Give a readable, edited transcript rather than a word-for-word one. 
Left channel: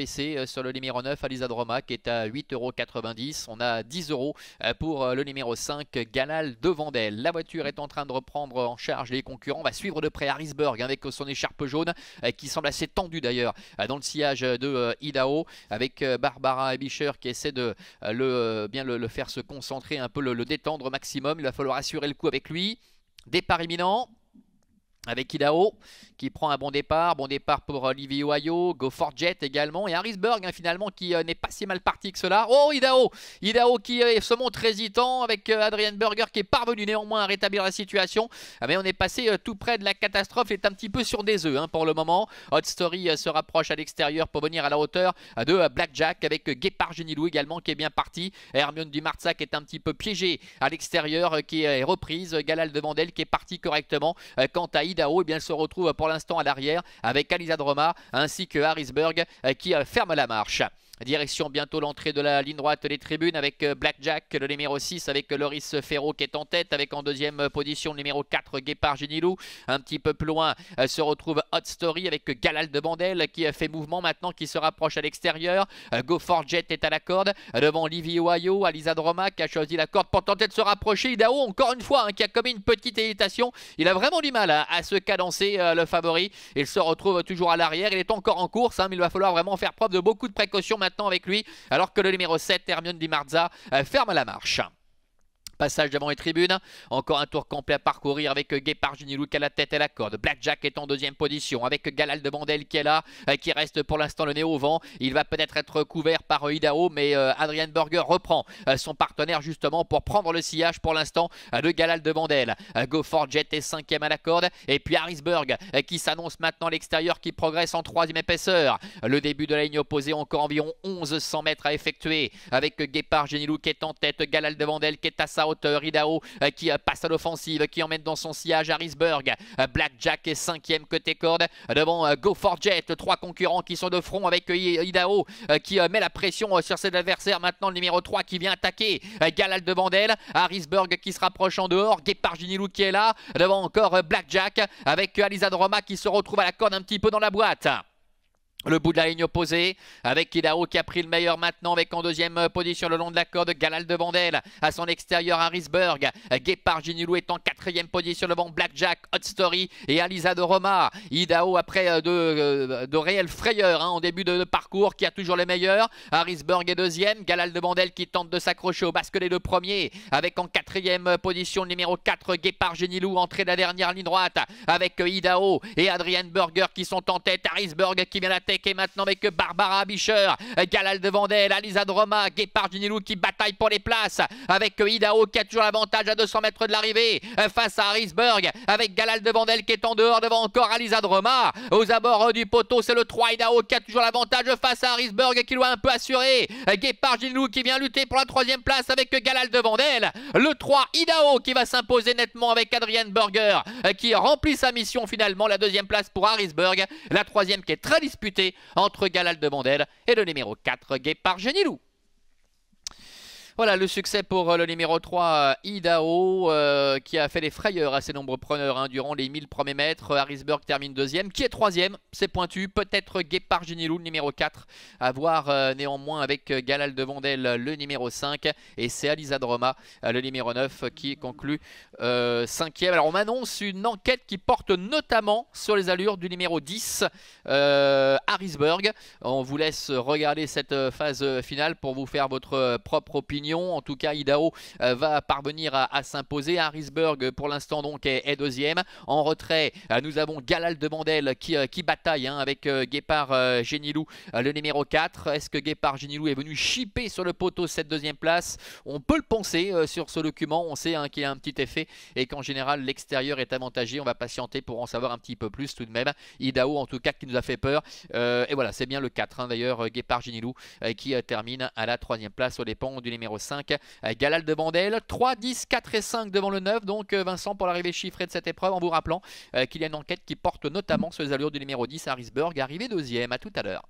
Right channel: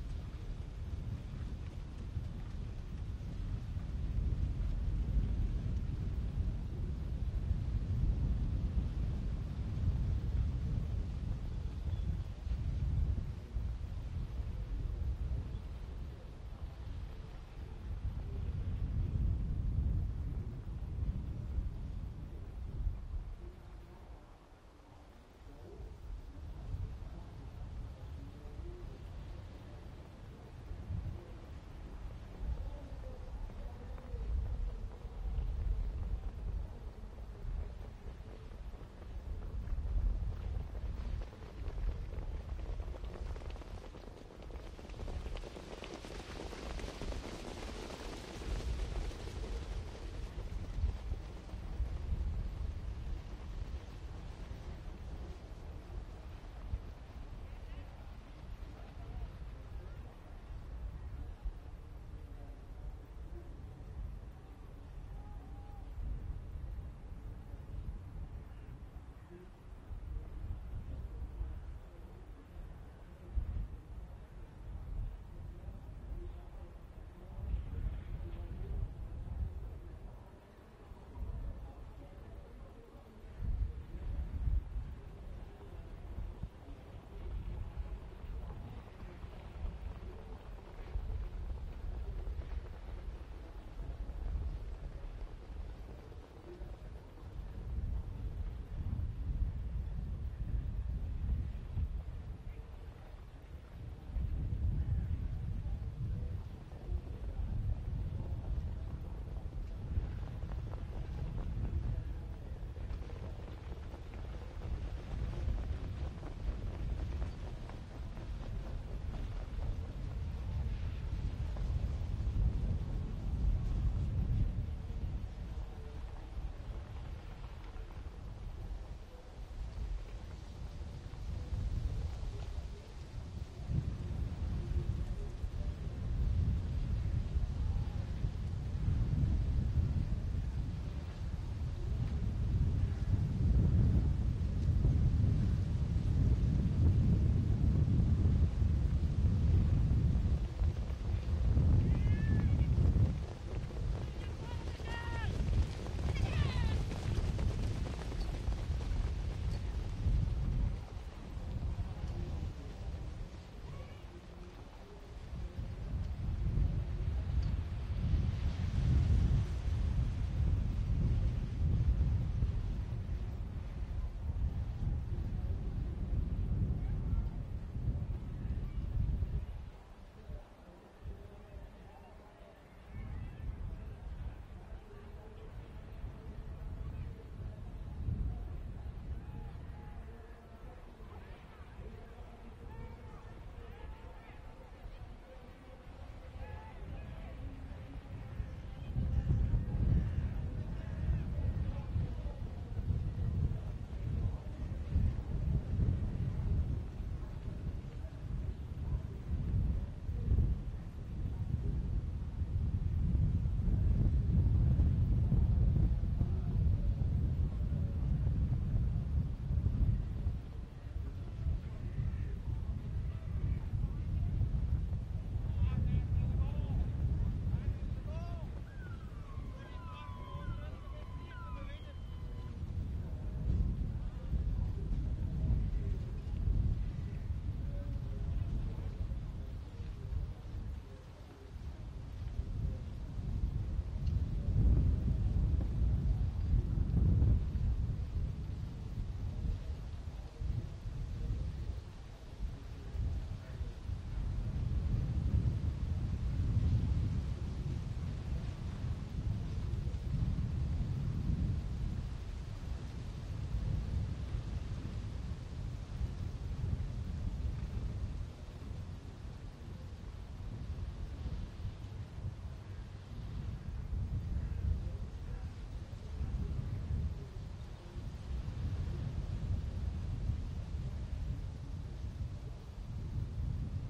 baissé sur le numéro 9, Alisadroma, qui est à 8,90 €. On a 10 € pour le numéro 5, Galal de Vendel. La voiture est en train de reprendre en charge les concurrents. On va suivre de près Harrisburg avec son écharpe jaune, qui semble assez tendue d'ailleurs dans le sillage de Idaho, avec Barbara Ebischer qui essaie de bien le faire se concentrer, un peu le détendre au maximum. Il va falloir assurer le coup avec lui. Départ imminent avec Idaho qui prend un bon départ pour Livy Ohio, Go for Jet également, et Harrisburg finalement qui n'est pas si mal parti que cela. Oh, Idaho qui se montre hésitant avec Adrian Berger qui est parvenu néanmoins à rétablir la situation, mais on est passé tout près de la catastrophe, il est un petit peu sur des œufs pour le moment. Hot Story se rapproche à l'extérieur pour venir à la hauteur de Blackjack, avec Guépard Genilou également qui est bien parti. Hermione Dumarza qui est un petit peu piégé à l'extérieur, qui est reprise. Galal de Vendel qui est parti correctement. Quant à Idaho, eh bien, elle se retrouve pour l'instant à l'arrière avec Alisadroma ainsi que Harrisburg qui ferme la marche. Direction bientôt l'entrée de la ligne droite des tribunes avec Blackjack, le numéro 6, avec Loris Ferro qui est en tête, avec en deuxième position le numéro 4, Guépard Genilou. Un petit peu plus loin se retrouve Hot Story avec Galal de Bandel qui fait mouvement maintenant, qui se rapproche à l'extérieur. Go for Jet est à la corde devant Livy Ohio, Alisadroma qui a choisi la corde pour tenter de se rapprocher. Idaho encore une fois qui a commis une petite hésitation. Il a vraiment du mal à se cadencer, le favori. Il se retrouve toujours à l'arrière. Il est encore en course, mais il va falloir vraiment faire preuve de beaucoup de précautions maintenant avec lui, alors que le numéro 7, Hermione Dumarza, ferme la marche. Passage devant les tribunes, encore un tour complet à parcourir avec Guépard Genilou qui a la tête et la corde. Blackjack est en deuxième position avec Galal de Bandel qui est là, qui reste pour l'instant le nez au vent. Il va peut-être être couvert par Idaho, mais Adrian Berger reprend son partenaire justement pour prendre le sillage pour l'instant de Galal de Bandel. Go for Jet est cinquième à la corde, et puis Harrisburg qui s'annonce maintenant à l'extérieur, qui progresse en troisième épaisseur. Le début de la ligne opposée, encore environ 1100 mètres à effectuer avec Guépard Genilou qui est en tête, Galal de Bandel qui est à sa hauteur, Idaho qui passe à l'offensive, qui emmène dans son sillage Harrisburg. Blackjack est cinquième côté corde devant Go for Jet. Trois concurrents qui sont de front avec Idaho qui met la pression sur ses adversaires. Maintenant le numéro 3 qui vient attaquer Galal de Bandel. Harrisburg qui se rapproche en dehors. Guépard Genilou qui est là devant encore Blackjack avec Alisadroma qui se retrouve à la corde un petit peu dans la boîte. Le bout de la ligne opposée avec Idaho qui a pris le meilleur maintenant, avec en deuxième position le long de la corde Galal de Bandel. À son extérieur Harrisburg. Guépard Genilou est en quatrième position devant Blackjack, Hot Story et Alisadroma. Idaho après de réelles frayeurs en début de parcours, qui a toujours les meilleurs. Harrisburg est deuxième. Galal de Bandel qui tente de s'accrocher au basque des deux premiers, avec en quatrième position le numéro 4 Guépard Genilou, entrée de la dernière ligne droite avec Idaho et Adrian Berger qui sont en tête. Harrisburg qui vient d'attaquer maintenant avec Barbara Ebischer, Galal de Bandel, Alisadroma, Guépard Genilou qui bataille pour les places avec Idaho qui a toujours l'avantage à 200 mètres de l'arrivée face à Harrisburg, avec Galal de Bandel qui est en dehors devant encore Alisadroma. Aux abords du poteau, c'est le 3 Idaho qui a toujours l'avantage face à Harrisburg qui doit un peu assurer. Guépard Genilou qui vient lutter pour la troisième place avec Galal de Bandel. Le 3 Idaho qui va s'imposer nettement avec Adrian Berger qui remplit sa mission finalement. La deuxième place pour Harrisburg, la troisième qui est très disputée entre Galal de Bandel et le numéro 4 Guépard Genilou. Voilà le succès pour le numéro 3 Idaho qui a fait des frayeurs à ses nombreux preneurs durant les 1000 premiers mètres. Harrisburg termine deuxième, qui est troisième, c'est pointu. Peut-être Guépard Genilou le numéro 4, à voir néanmoins avec Galal de Bandel le numéro 5, et c'est Alisadroma le numéro 9 qui conclut cinquième. Alors on m'annonce une enquête qui porte notamment sur les allures du numéro 10 Harrisburg. On vous laisse regarder cette phase finale pour vous faire votre propre opinion. En tout cas Idaho va parvenir à s'imposer. Harrisburg pour l'instant donc est deuxième. En retrait nous avons Galal de Bandel qui bataille avec Guépard Genilou le numéro 4. Est-ce que Guépard Genilou est venu chipper sur le poteau cette deuxième place? On peut le penser sur ce document. On sait qu'il y a un petit effet et qu'en général l'extérieur est avantagé. On va patienter pour en savoir un petit peu plus tout de même. Idaho en tout cas qui nous a fait peur, et voilà, c'est bien le 4 d'ailleurs, Guépard Genilou qui termine à la troisième place aux dépens du numéro 5 Galal de Bandel. 3, 10, 4 et 5 devant le 9 donc Vincent, pour l'arrivée chiffrée de cette épreuve, en vous rappelant qu'il y a une enquête qui porte notamment sur les allures du numéro 10 Harrisburg, arrivé deuxième. À tout à l'heure.